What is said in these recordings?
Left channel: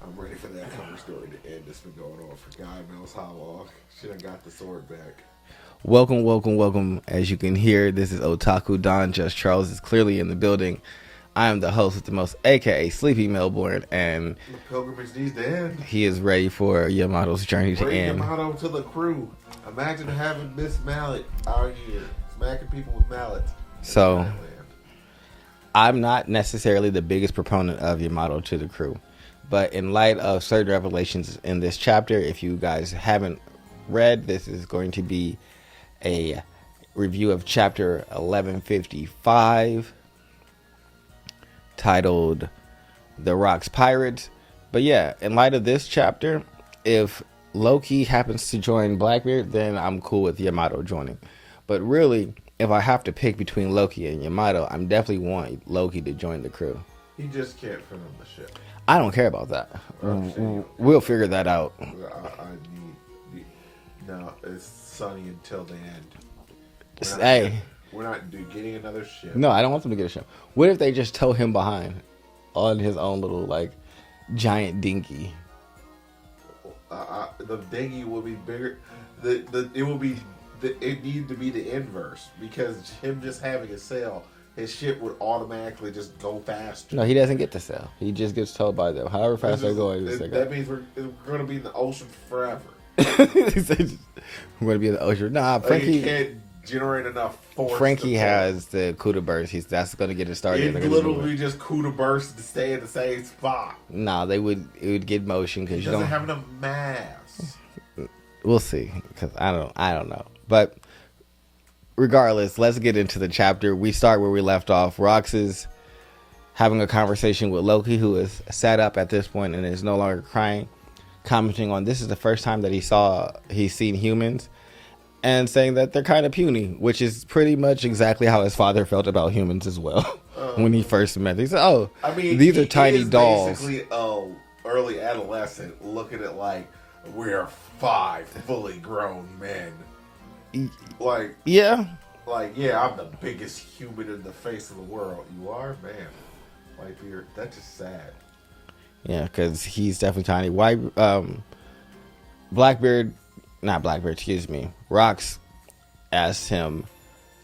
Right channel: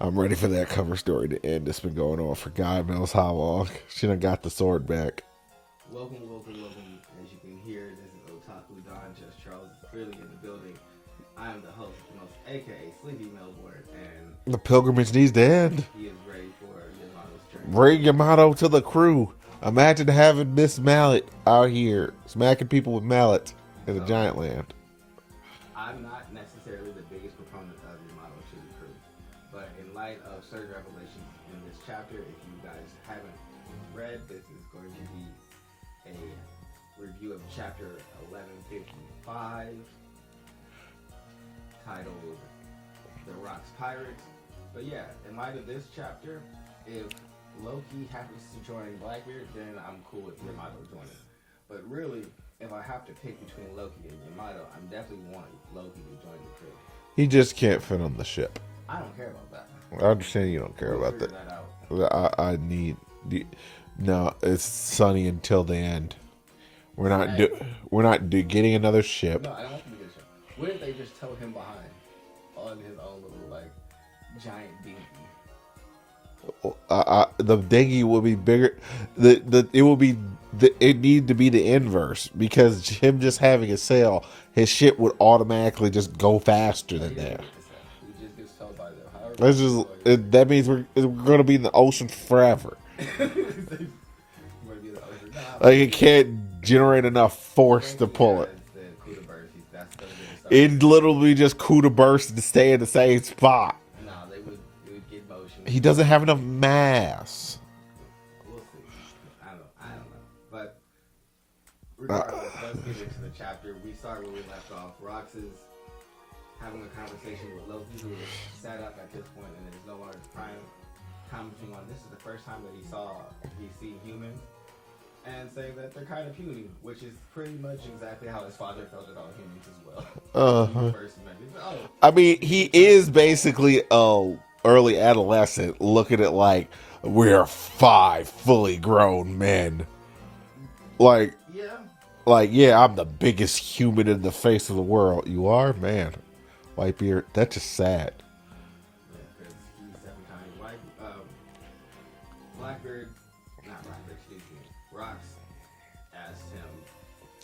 I'm ready for that cover story to end. It's been going on for God knows how long. She done got the sword back. Welcome, welcome, welcome. As you can hear, this is Otaku Don. Just Charles is clearly in the building. I am the host with the most, aka Sleepy Melbourne, and The pilgrimage needs to end. he is ready for Yamato's journey to Bring end. Yamato to the crew. Imagine having Miss Mallet out here smacking people with mallets in So- Giant Land. I'm not necessarily the biggest proponent of Yamato to the crew, but in light of certain revelations in this chapter, if you guys haven't read, this is going to be a review of chapter 1155 titled The Rocks Pirates. But yeah, in light of this chapter, if Loki happens to join Blackbeard, then I'm cool with Yamato joining. But really, if I have to pick between Loki and Yamato, I'm definitely want Loki to join the crew. He just can't fit on the ship. I don't care about that. I understand you don't care We'll about figure that out. I need... No, it's Sunny until the end. We're not, Hey. getting another ship. No, I don't want them to get a show. What if they just tow him behind on his own little like giant dinky? The dinghy will be bigger. It needs to be the inverse, because him just having a sail, his ship would automatically just go faster. No, he doesn't get the sail. He just gets towed by them. However That's fast they're just, going. that means we're going to be in the ocean forever. We're going to be in the ocean. Nah, Like, Frankie, it can't generate enough force Frankie to pull. has the Kuda burst. That's going to get it started. It literally just coup to burst to stay in the same spot. Nah, it would get motion. 'cause He you doesn't don't- have enough mass. We'll see, because I don't know. But regardless, let's get into the chapter. We start where we left off. Rox is having a conversation with Loki, who is sat up at this point and is no longer crying, commenting on this is the first time that he's seen humans, and saying that they're kind of puny, which is pretty much exactly how his father felt about humans as well when he first met them. He said, "Oh, I mean, these he are tiny is dolls." basically early adolescent looking at like, we're 5 fully grown men. Like, yeah." yeah, I'm the biggest human in the face of the world. You are? Man. Whitebeard, that's just sad. Yeah, because he's definitely tiny. Excuse me. Rox asked him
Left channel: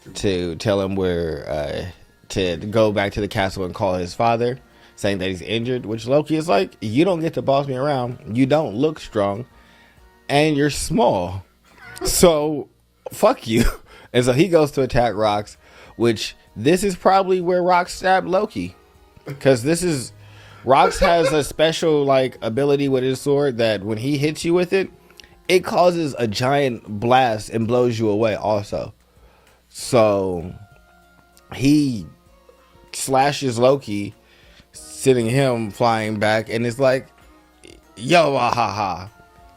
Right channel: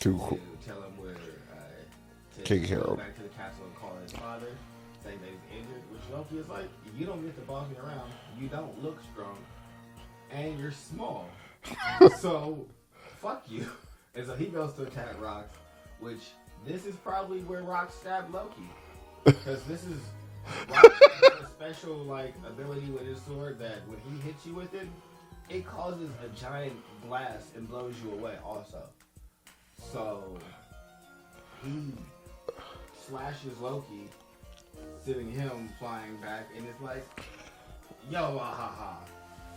to tell him where to go back to the castle and call his father, saying that he's injured, which Loki is like, you don't get to boss me around. You don't look strong, and you're small. So, fuck you. And so he goes to attack Rox, which this is probably where Rox stabbed Loki. Because Rox has a special like ability with his sword that when he hits you with it, it causes a giant blast and blows you away also. So he slashes Loki, sending him flying back, and it's like, yo, ah, ha, ha.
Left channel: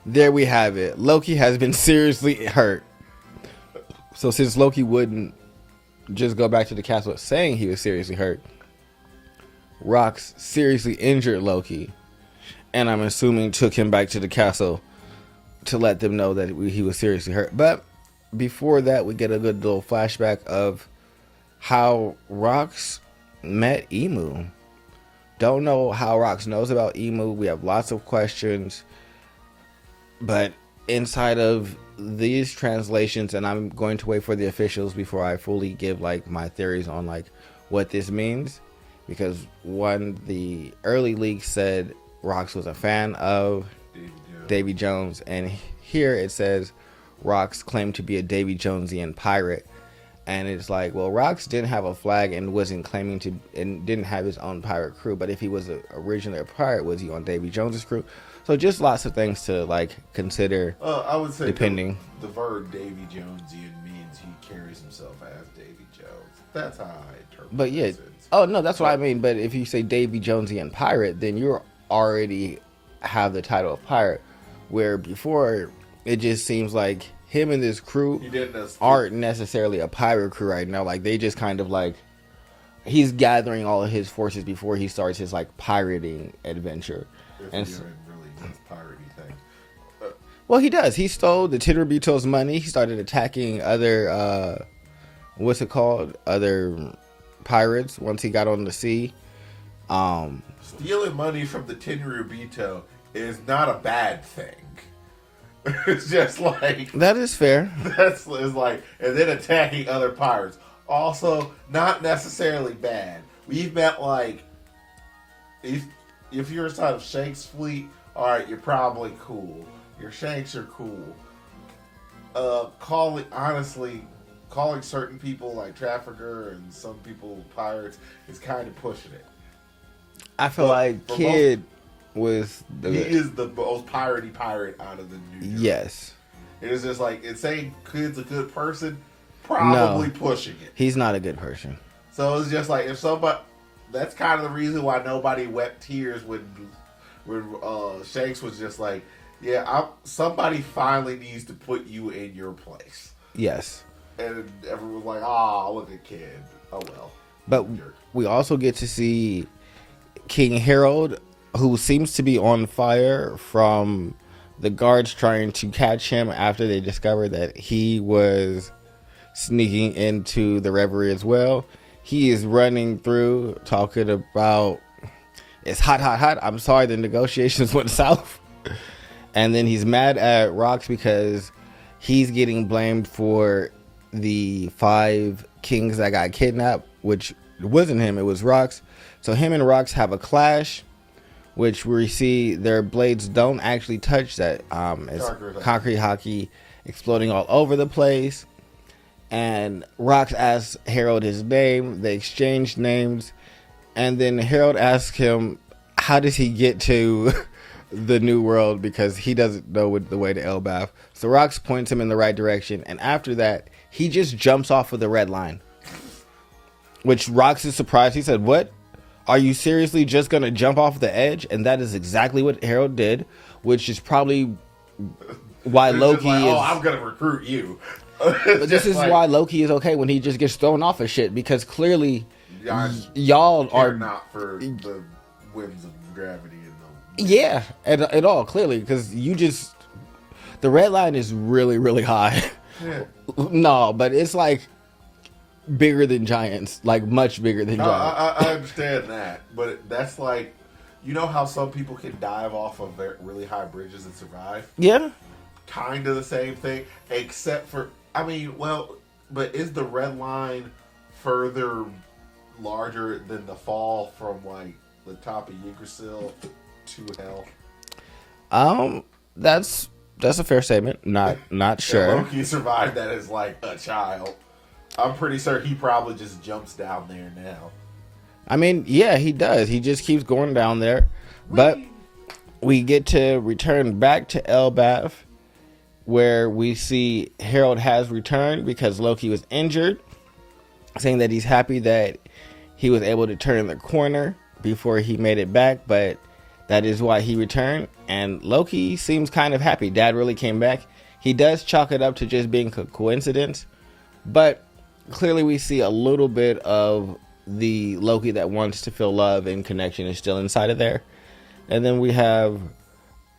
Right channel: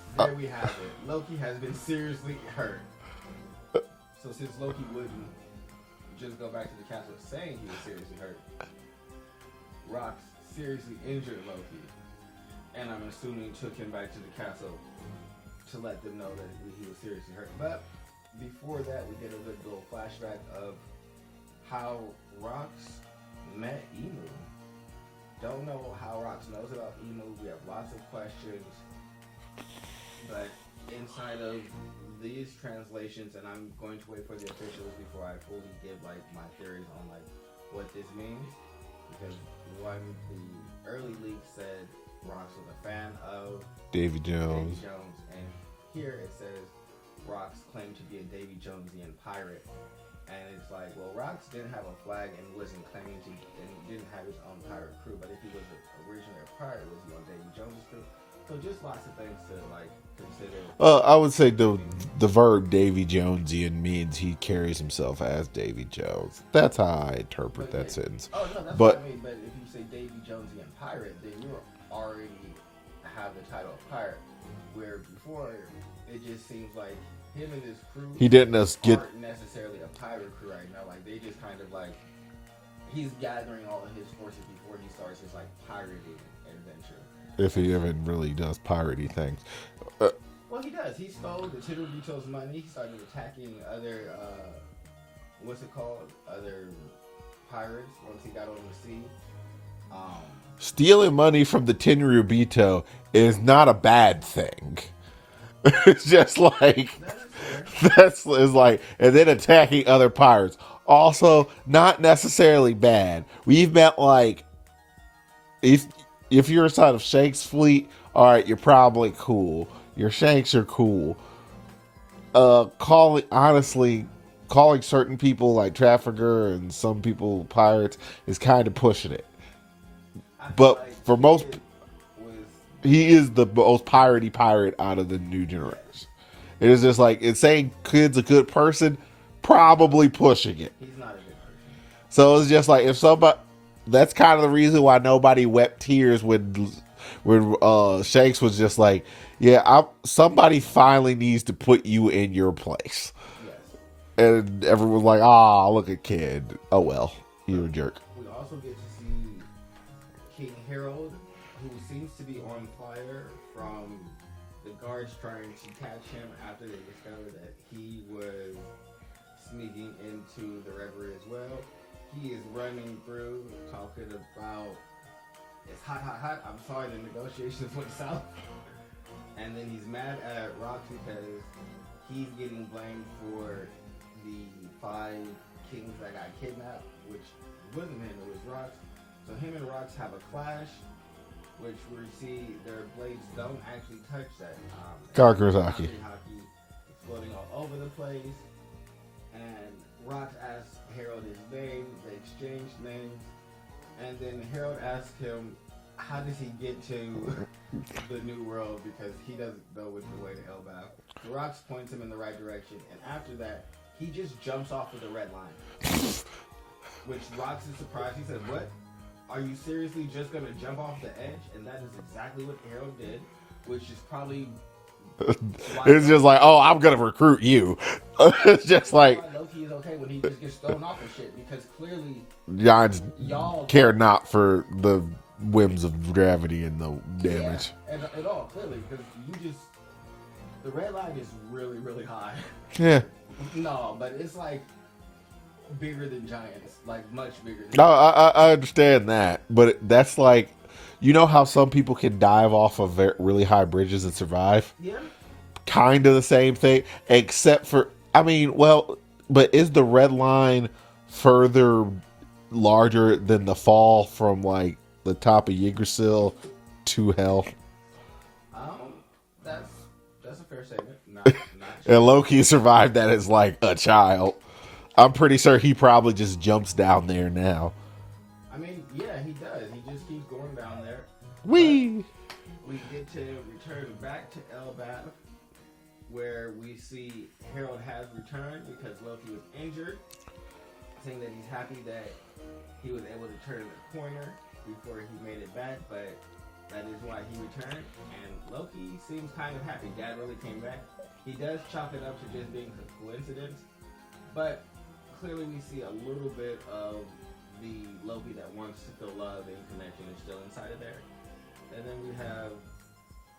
There we have it. Loki has been seriously hurt. So since Loki wouldn't just go back to the castle saying he was seriously hurt, Rox seriously injured Loki, and I'm assuming took him back to the castle to let them know that he was seriously hurt. But before that, we get a good little flashback of how Rox met Emu. Don't know how Rox knows about Emu. We have lots of questions, but inside of these translations, and I'm going to wait for the officials before I fully give like my theories on like what this means. Because the early leaks said Rox was a fan of Davy Jones, and here it says Rox claimed to be a Davy Jonesian pirate, and it's like, well, Rox didn't have a flag and wasn't claiming to, and didn't have his own pirate crew. But if he was originally a pirate, was he on Davy Jones's crew? So just lots of things to like consider. I would say depending. The verb Davy Jonesian means he carries himself as Davy Jones. That's how I interpret But yeah, that sentence. oh no, that's what I mean. But if you say Davy Jonesian pirate, then you already have the title of pirate. Where before it just seems like him and this crew aren't necessarily a pirate crew right now. Like they just kind of like he's gathering all of his forces before he starts his like pirating adventure. If he even really does piratey things. Well, he does. He stole the Titterbeetle's money. He started attacking other, other pirates once he got on the sea. Stealing money from the Tenryubito is not a bad thing. It's just like That is fair. that's is like, and then attacking other pirates. Also, not necessarily bad. We've met like if you're inside of Shanks' fleet, all right, you're probably cool. Your Shanks are cool. Calling certain people like trafficker and some people pirates is kind of pushing it. I feel But like for Kid was He is the most piratey pirate out of the New Jersey. yes. It is just like, it's saying Kid's a good person, probably No. pushing it. He's not a good person. So it's just like, if somebody, that's kind of the reason why nobody wept tears when Shanks was just like, yeah, somebody finally needs to put you in your place. Yes. And everyone was like, ah, look at Kid. Oh well, he's a But jerk. we also get to see King Harold, who seems to be on fire from the guards trying to catch him after they discovered that he was sneaking into the reverie as well. He is running through talking about it's hot, hot, hot. I'm sorry the negotiations went south. And then he's mad at Rox because he's getting blamed for the 5 kings that got kidnapped, which wasn't him, it was Rox. So him and Rox have a clash, which we see their blades don't actually touch that. It's concrete hockey exploding all over the place. And Rox asks Harold his name. They exchange names. And then Harold asks him, how does he get to the new world? Because he doesn't know the way to Elbaf. So Rox points him in the right direction. And after that, he just jumps off of the red line. Which Rox is surprised. He said, what? Are you seriously just going to jump off the edge? And that is exactly what Harold did, which is probably why It's Loki just like, is, oh, I'm going to recruit you. this is why Loki is okay when he just gets thrown off of shit, because clearly y'all care not for the whims of gravity and the damage. Yeah, at all, clearly, because you just, the red line is really, really high. Yeah. No, but it's like bigger than giants, like much bigger than No, giants. I understand that, but that's like, you know how some people can dive off of really high bridges and survive? Yeah. Kind of the same thing, except for, I mean, well, but is the red line further larger than the fall from like the top of Yggdrasil to hell? That's a fair statement. Not sure. And Loki survived that as like a child. I'm pretty sure he probably just jumps down there now. I mean, yeah, he does. He just keeps going down there. Whee! But we get to return back to Elbaf, where we see Harold has returned because Loki was injured, saying that he's happy that he was able to turn the corner before he made it back, but that is why he returned. And Loki seems kind of happy. Dad really came back. He does chalk it up to just being a coincidence, but clearly we see a little bit of the Loki that wants to feel love and connection is still inside of there. And then we have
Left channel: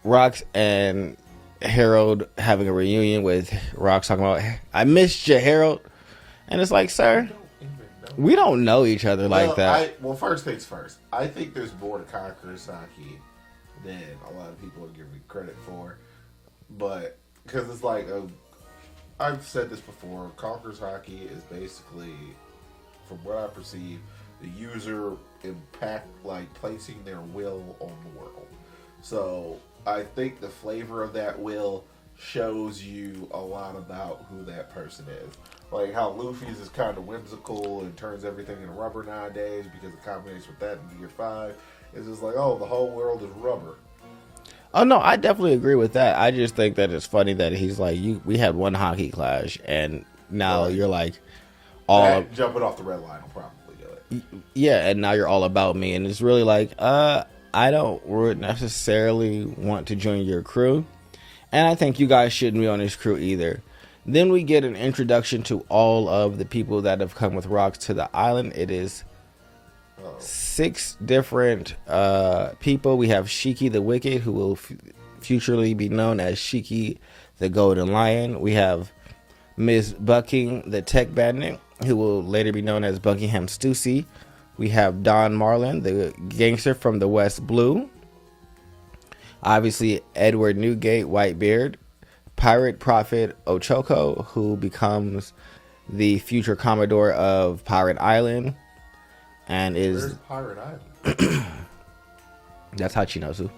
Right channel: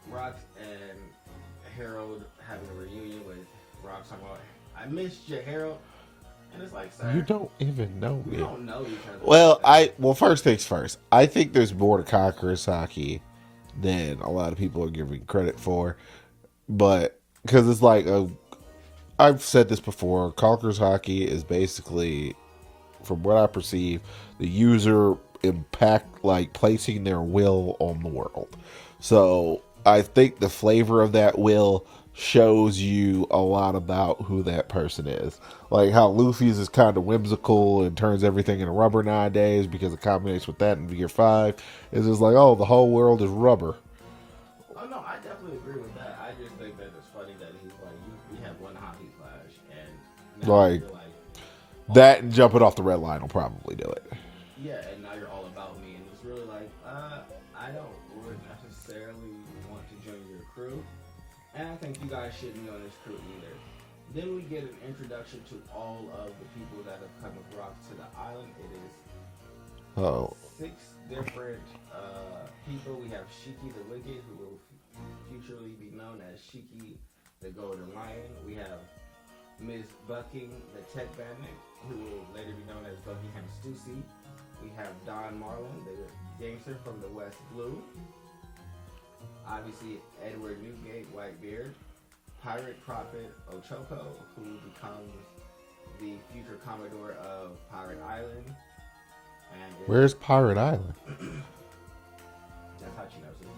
Rox and Harold having a reunion with Rox talking about, I missed you, Harold. And it's like, sir, We don't even know. we don't know each other Well, like that. well, first things first. I think there's more to Kakurasaki than a lot of people are giving credit for, but because it's like I've said this before, Kakurasaki is basically, from what I perceive, the user impact, like placing their will on the world. So I think the flavor of that will shows you a lot about who that person is. Like how Luffy's is kind of whimsical and turns everything into rubber nowadays because it combinates with that in Gear 5. It's just like, oh, the whole world is rubber. Oh no, I definitely agree with that. I just think that it's funny that he's like, we had one hockey clash and now Right. you're like, That jumping off the red line will probably do it. yeah, and now you're all about me. And it's really like, I don't necessarily want to join your crew. And I think you guys shouldn't be on this crew either. Then we get an introduction to all of the people that have come with Rox to the island. It is 6 different people. We have Shiki the Wicked, who will futurely be known as Shiki the Golden Lion. We have Ms. Bucking the Tech Bandit, who will later be known as Buckingham Stussy, we have Don Marlin, the gangster from the West Blue. Obviously, Edward Newgate, Whitebeard. Pirate Prophet Ochoko, who becomes the future Commodore of Pirate Island. And is Where's Pirate Island? That's Hachinosu,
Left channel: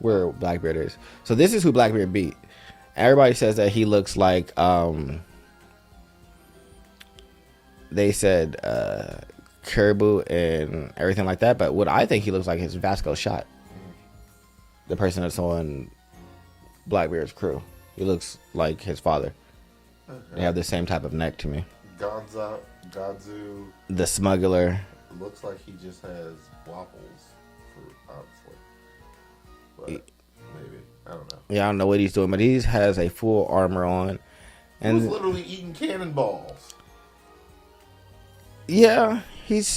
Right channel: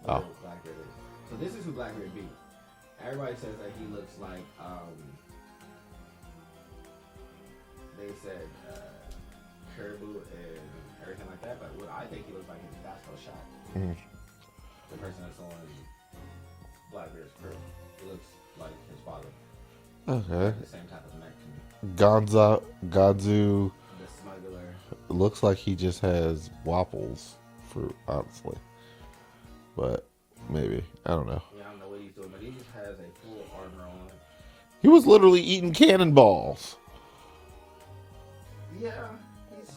where Blackbeard is. So this is who Blackbeard beat. Everybody says that he looks like they said Caribou and everything like that, but what I think he looks like is Vasco Shot, the person that's on Blackbeard's crew. He looks like his father. Okay. They have the same type of neck to me. Godzu, the smuggler. It looks like he just has waffles, honestly. But maybe. I don't know. Yeah, I don't know what he's doing, but he has a full armor on. He was literally eating cannonballs. Yeah, he's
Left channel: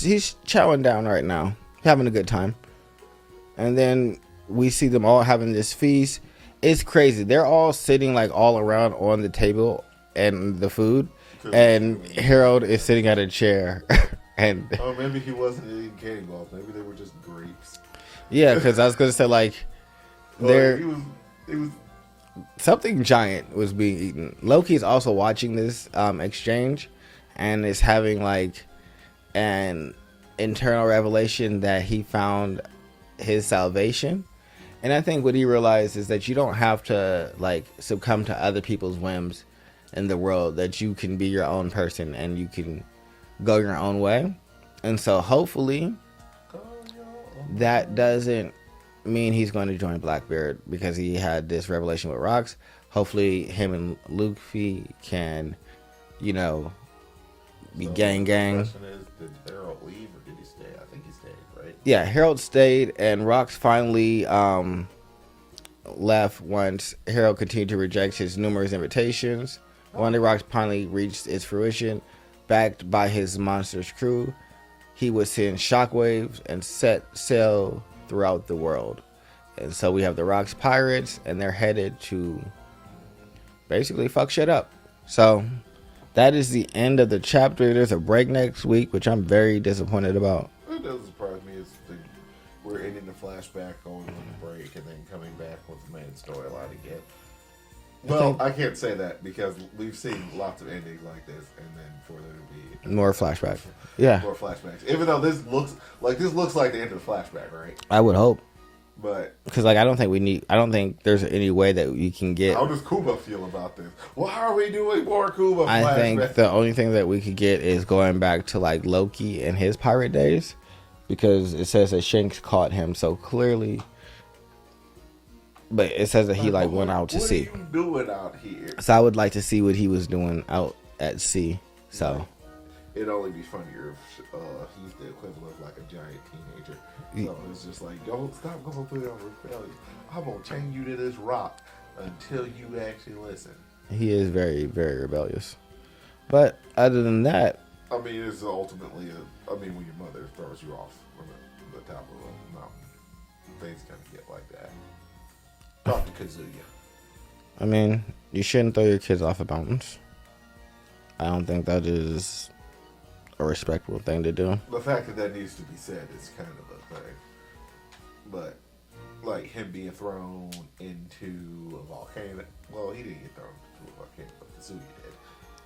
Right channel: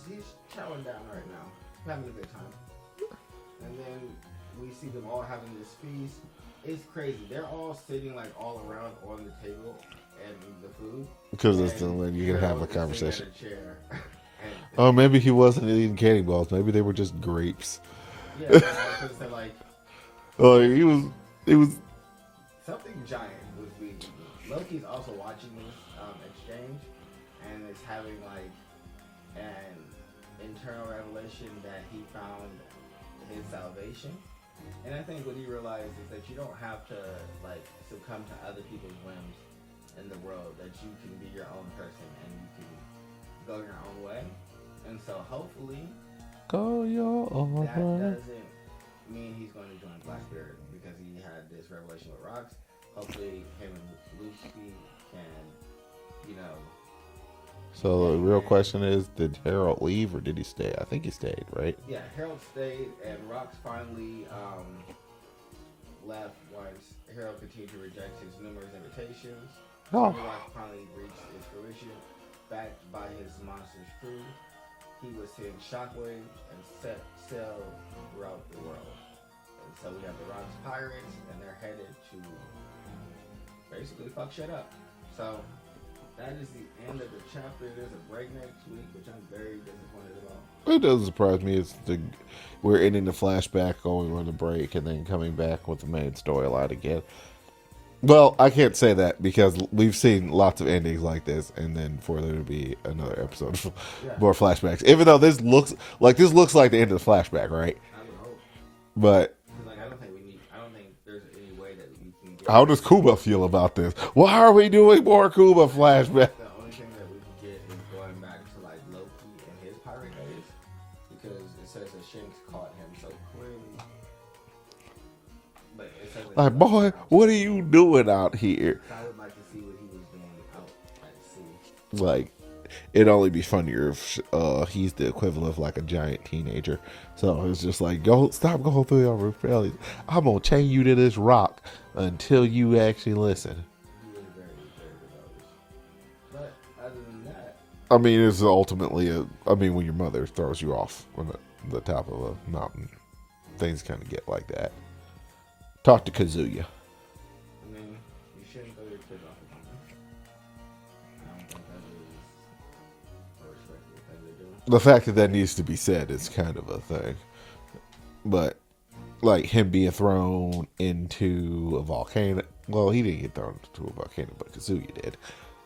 chowing down right now, having a good time. And then we see them all having this feast. It's crazy. They're all sitting like all around on the table and the food, and Harold is sitting at a chair. And maybe he wasn't eating cannonballs. Maybe they were just grapes. Yeah, because I was gonna say like, he was something giant was being eaten. Loki's also watching this exchange, and is having like an internal revelation that he found his salvation. And I think what he realized is that you don't have to like succumb to other people's whims in the world, that you can be your own person and you can go your own way. And so hopefully that doesn't mean he's going to join Blackbeard, because he had this revelation with Rocks. Hopefully him and Luffy can, be gang. The question is, did Harold leave or did he stay? I think he stayed, right? Yeah, Harold stayed, and Rocks finally left once Harold continued to reject his numerous invitations. One day Rocks finally reached its fruition. Backed by his monstrous crew, he would send shockwaves and set sail throughout the world. And so we have the Rocks Pirates, and they're headed to basically fuck shit up. So that is the end of the chapter. There's a break next week, which I'm very disappointed about. It doesn't surprise me. We're ending the flashback, going on the break, and then coming back with the main storyline again. Well, I can't say that because we've seen lots of endings like this, and then for there to be more flashbacks. More flashbacks. Even though this looks like the end of the flashback, right? I would hope. But because I don't think there's any way that you can get. How does Kuba feel about this? Why are we doing more Kuba flashbacks? I think the only thing that we could get is going back to like Loki and his pirate days, because it says that Shanks caught him so clearly. But it says that he went out to sea. What are you doing out here? So I would like to see what he was doing out at sea. So it'd only be funnier if he's the equivalent of like a giant teenager. So it's just like, stop going through your rebellion. I'm gonna chain you to this rock until you actually listen. He is very, very rebellious. But other than that, I mean, it's ultimately when your mother throws you off on the top of a mountain, things kind of get like that. Talk to Kazuya. I mean, you shouldn't throw your kids off of mountains. I don't think that is a respectable thing to do. The fact that needs to be said is kind of a thing. But, like, him being thrown into a volcano. Well, he didn't get thrown into a volcano, but Kazuya did.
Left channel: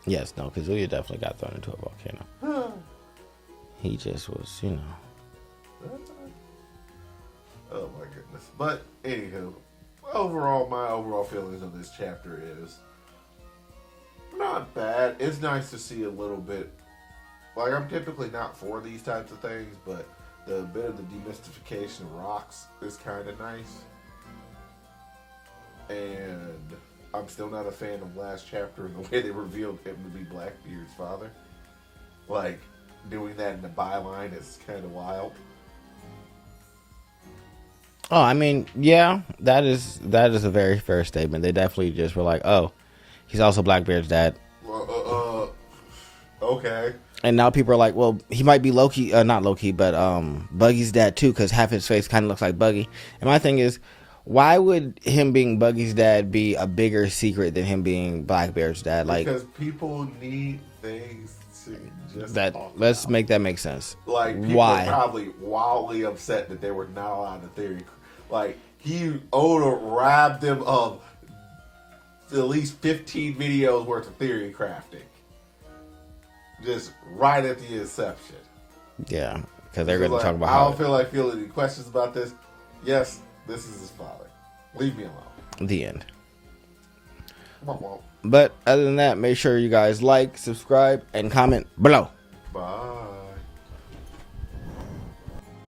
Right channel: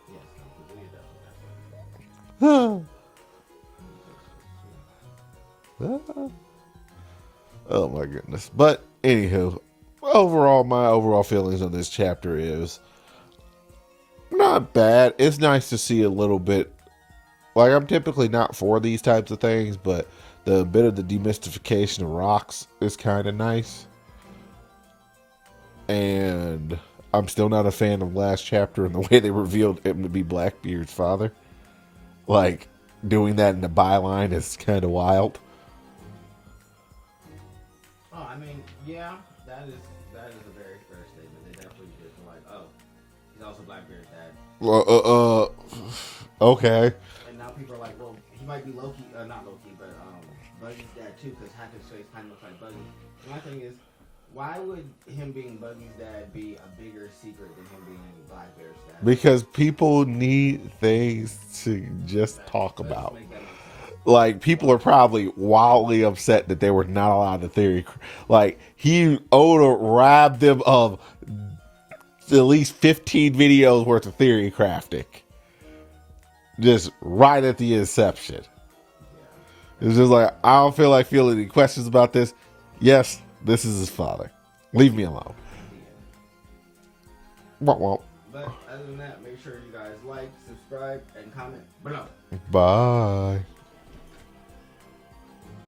Yes, no, Kazuya definitely got thrown into a volcano. He just was, Oh, my goodness. But, anywho, my overall feelings on this chapter is not bad. It's nice to see a little bit. Like, I'm typically not for these types of things, but the bit of the demystification of Rocks is kind of nice. And I'm still not a fan of last chapter and the way they revealed him to be Blackbeard's father. Like, doing that in the byline is kind of wild. Oh, I mean, yeah, that is a very fair statement. They definitely just were like, oh, he's also Blackbeard's dad. Okay. And now people are like, well, he might be Loki, not Loki, but Buggy's dad too, because half his face kind of looks like Buggy. And my thing is, Why would him being Buggy's dad be a bigger secret than him being Black Bear's dad? Because people need things to just talk about. Let's make that make sense. Like, people Why? are probably wildly upset that they were not allowed the theory. Like, Oda robbed them of at least 15 videos worth of theory crafting. Just right at the inception. Yeah. It's just like, I don't feel like feeling any questions about this. Yes, this is his father. Leave me alone. The end. Womp womp. But other than that, make sure you guys like, subscribe, and comment below. Bye.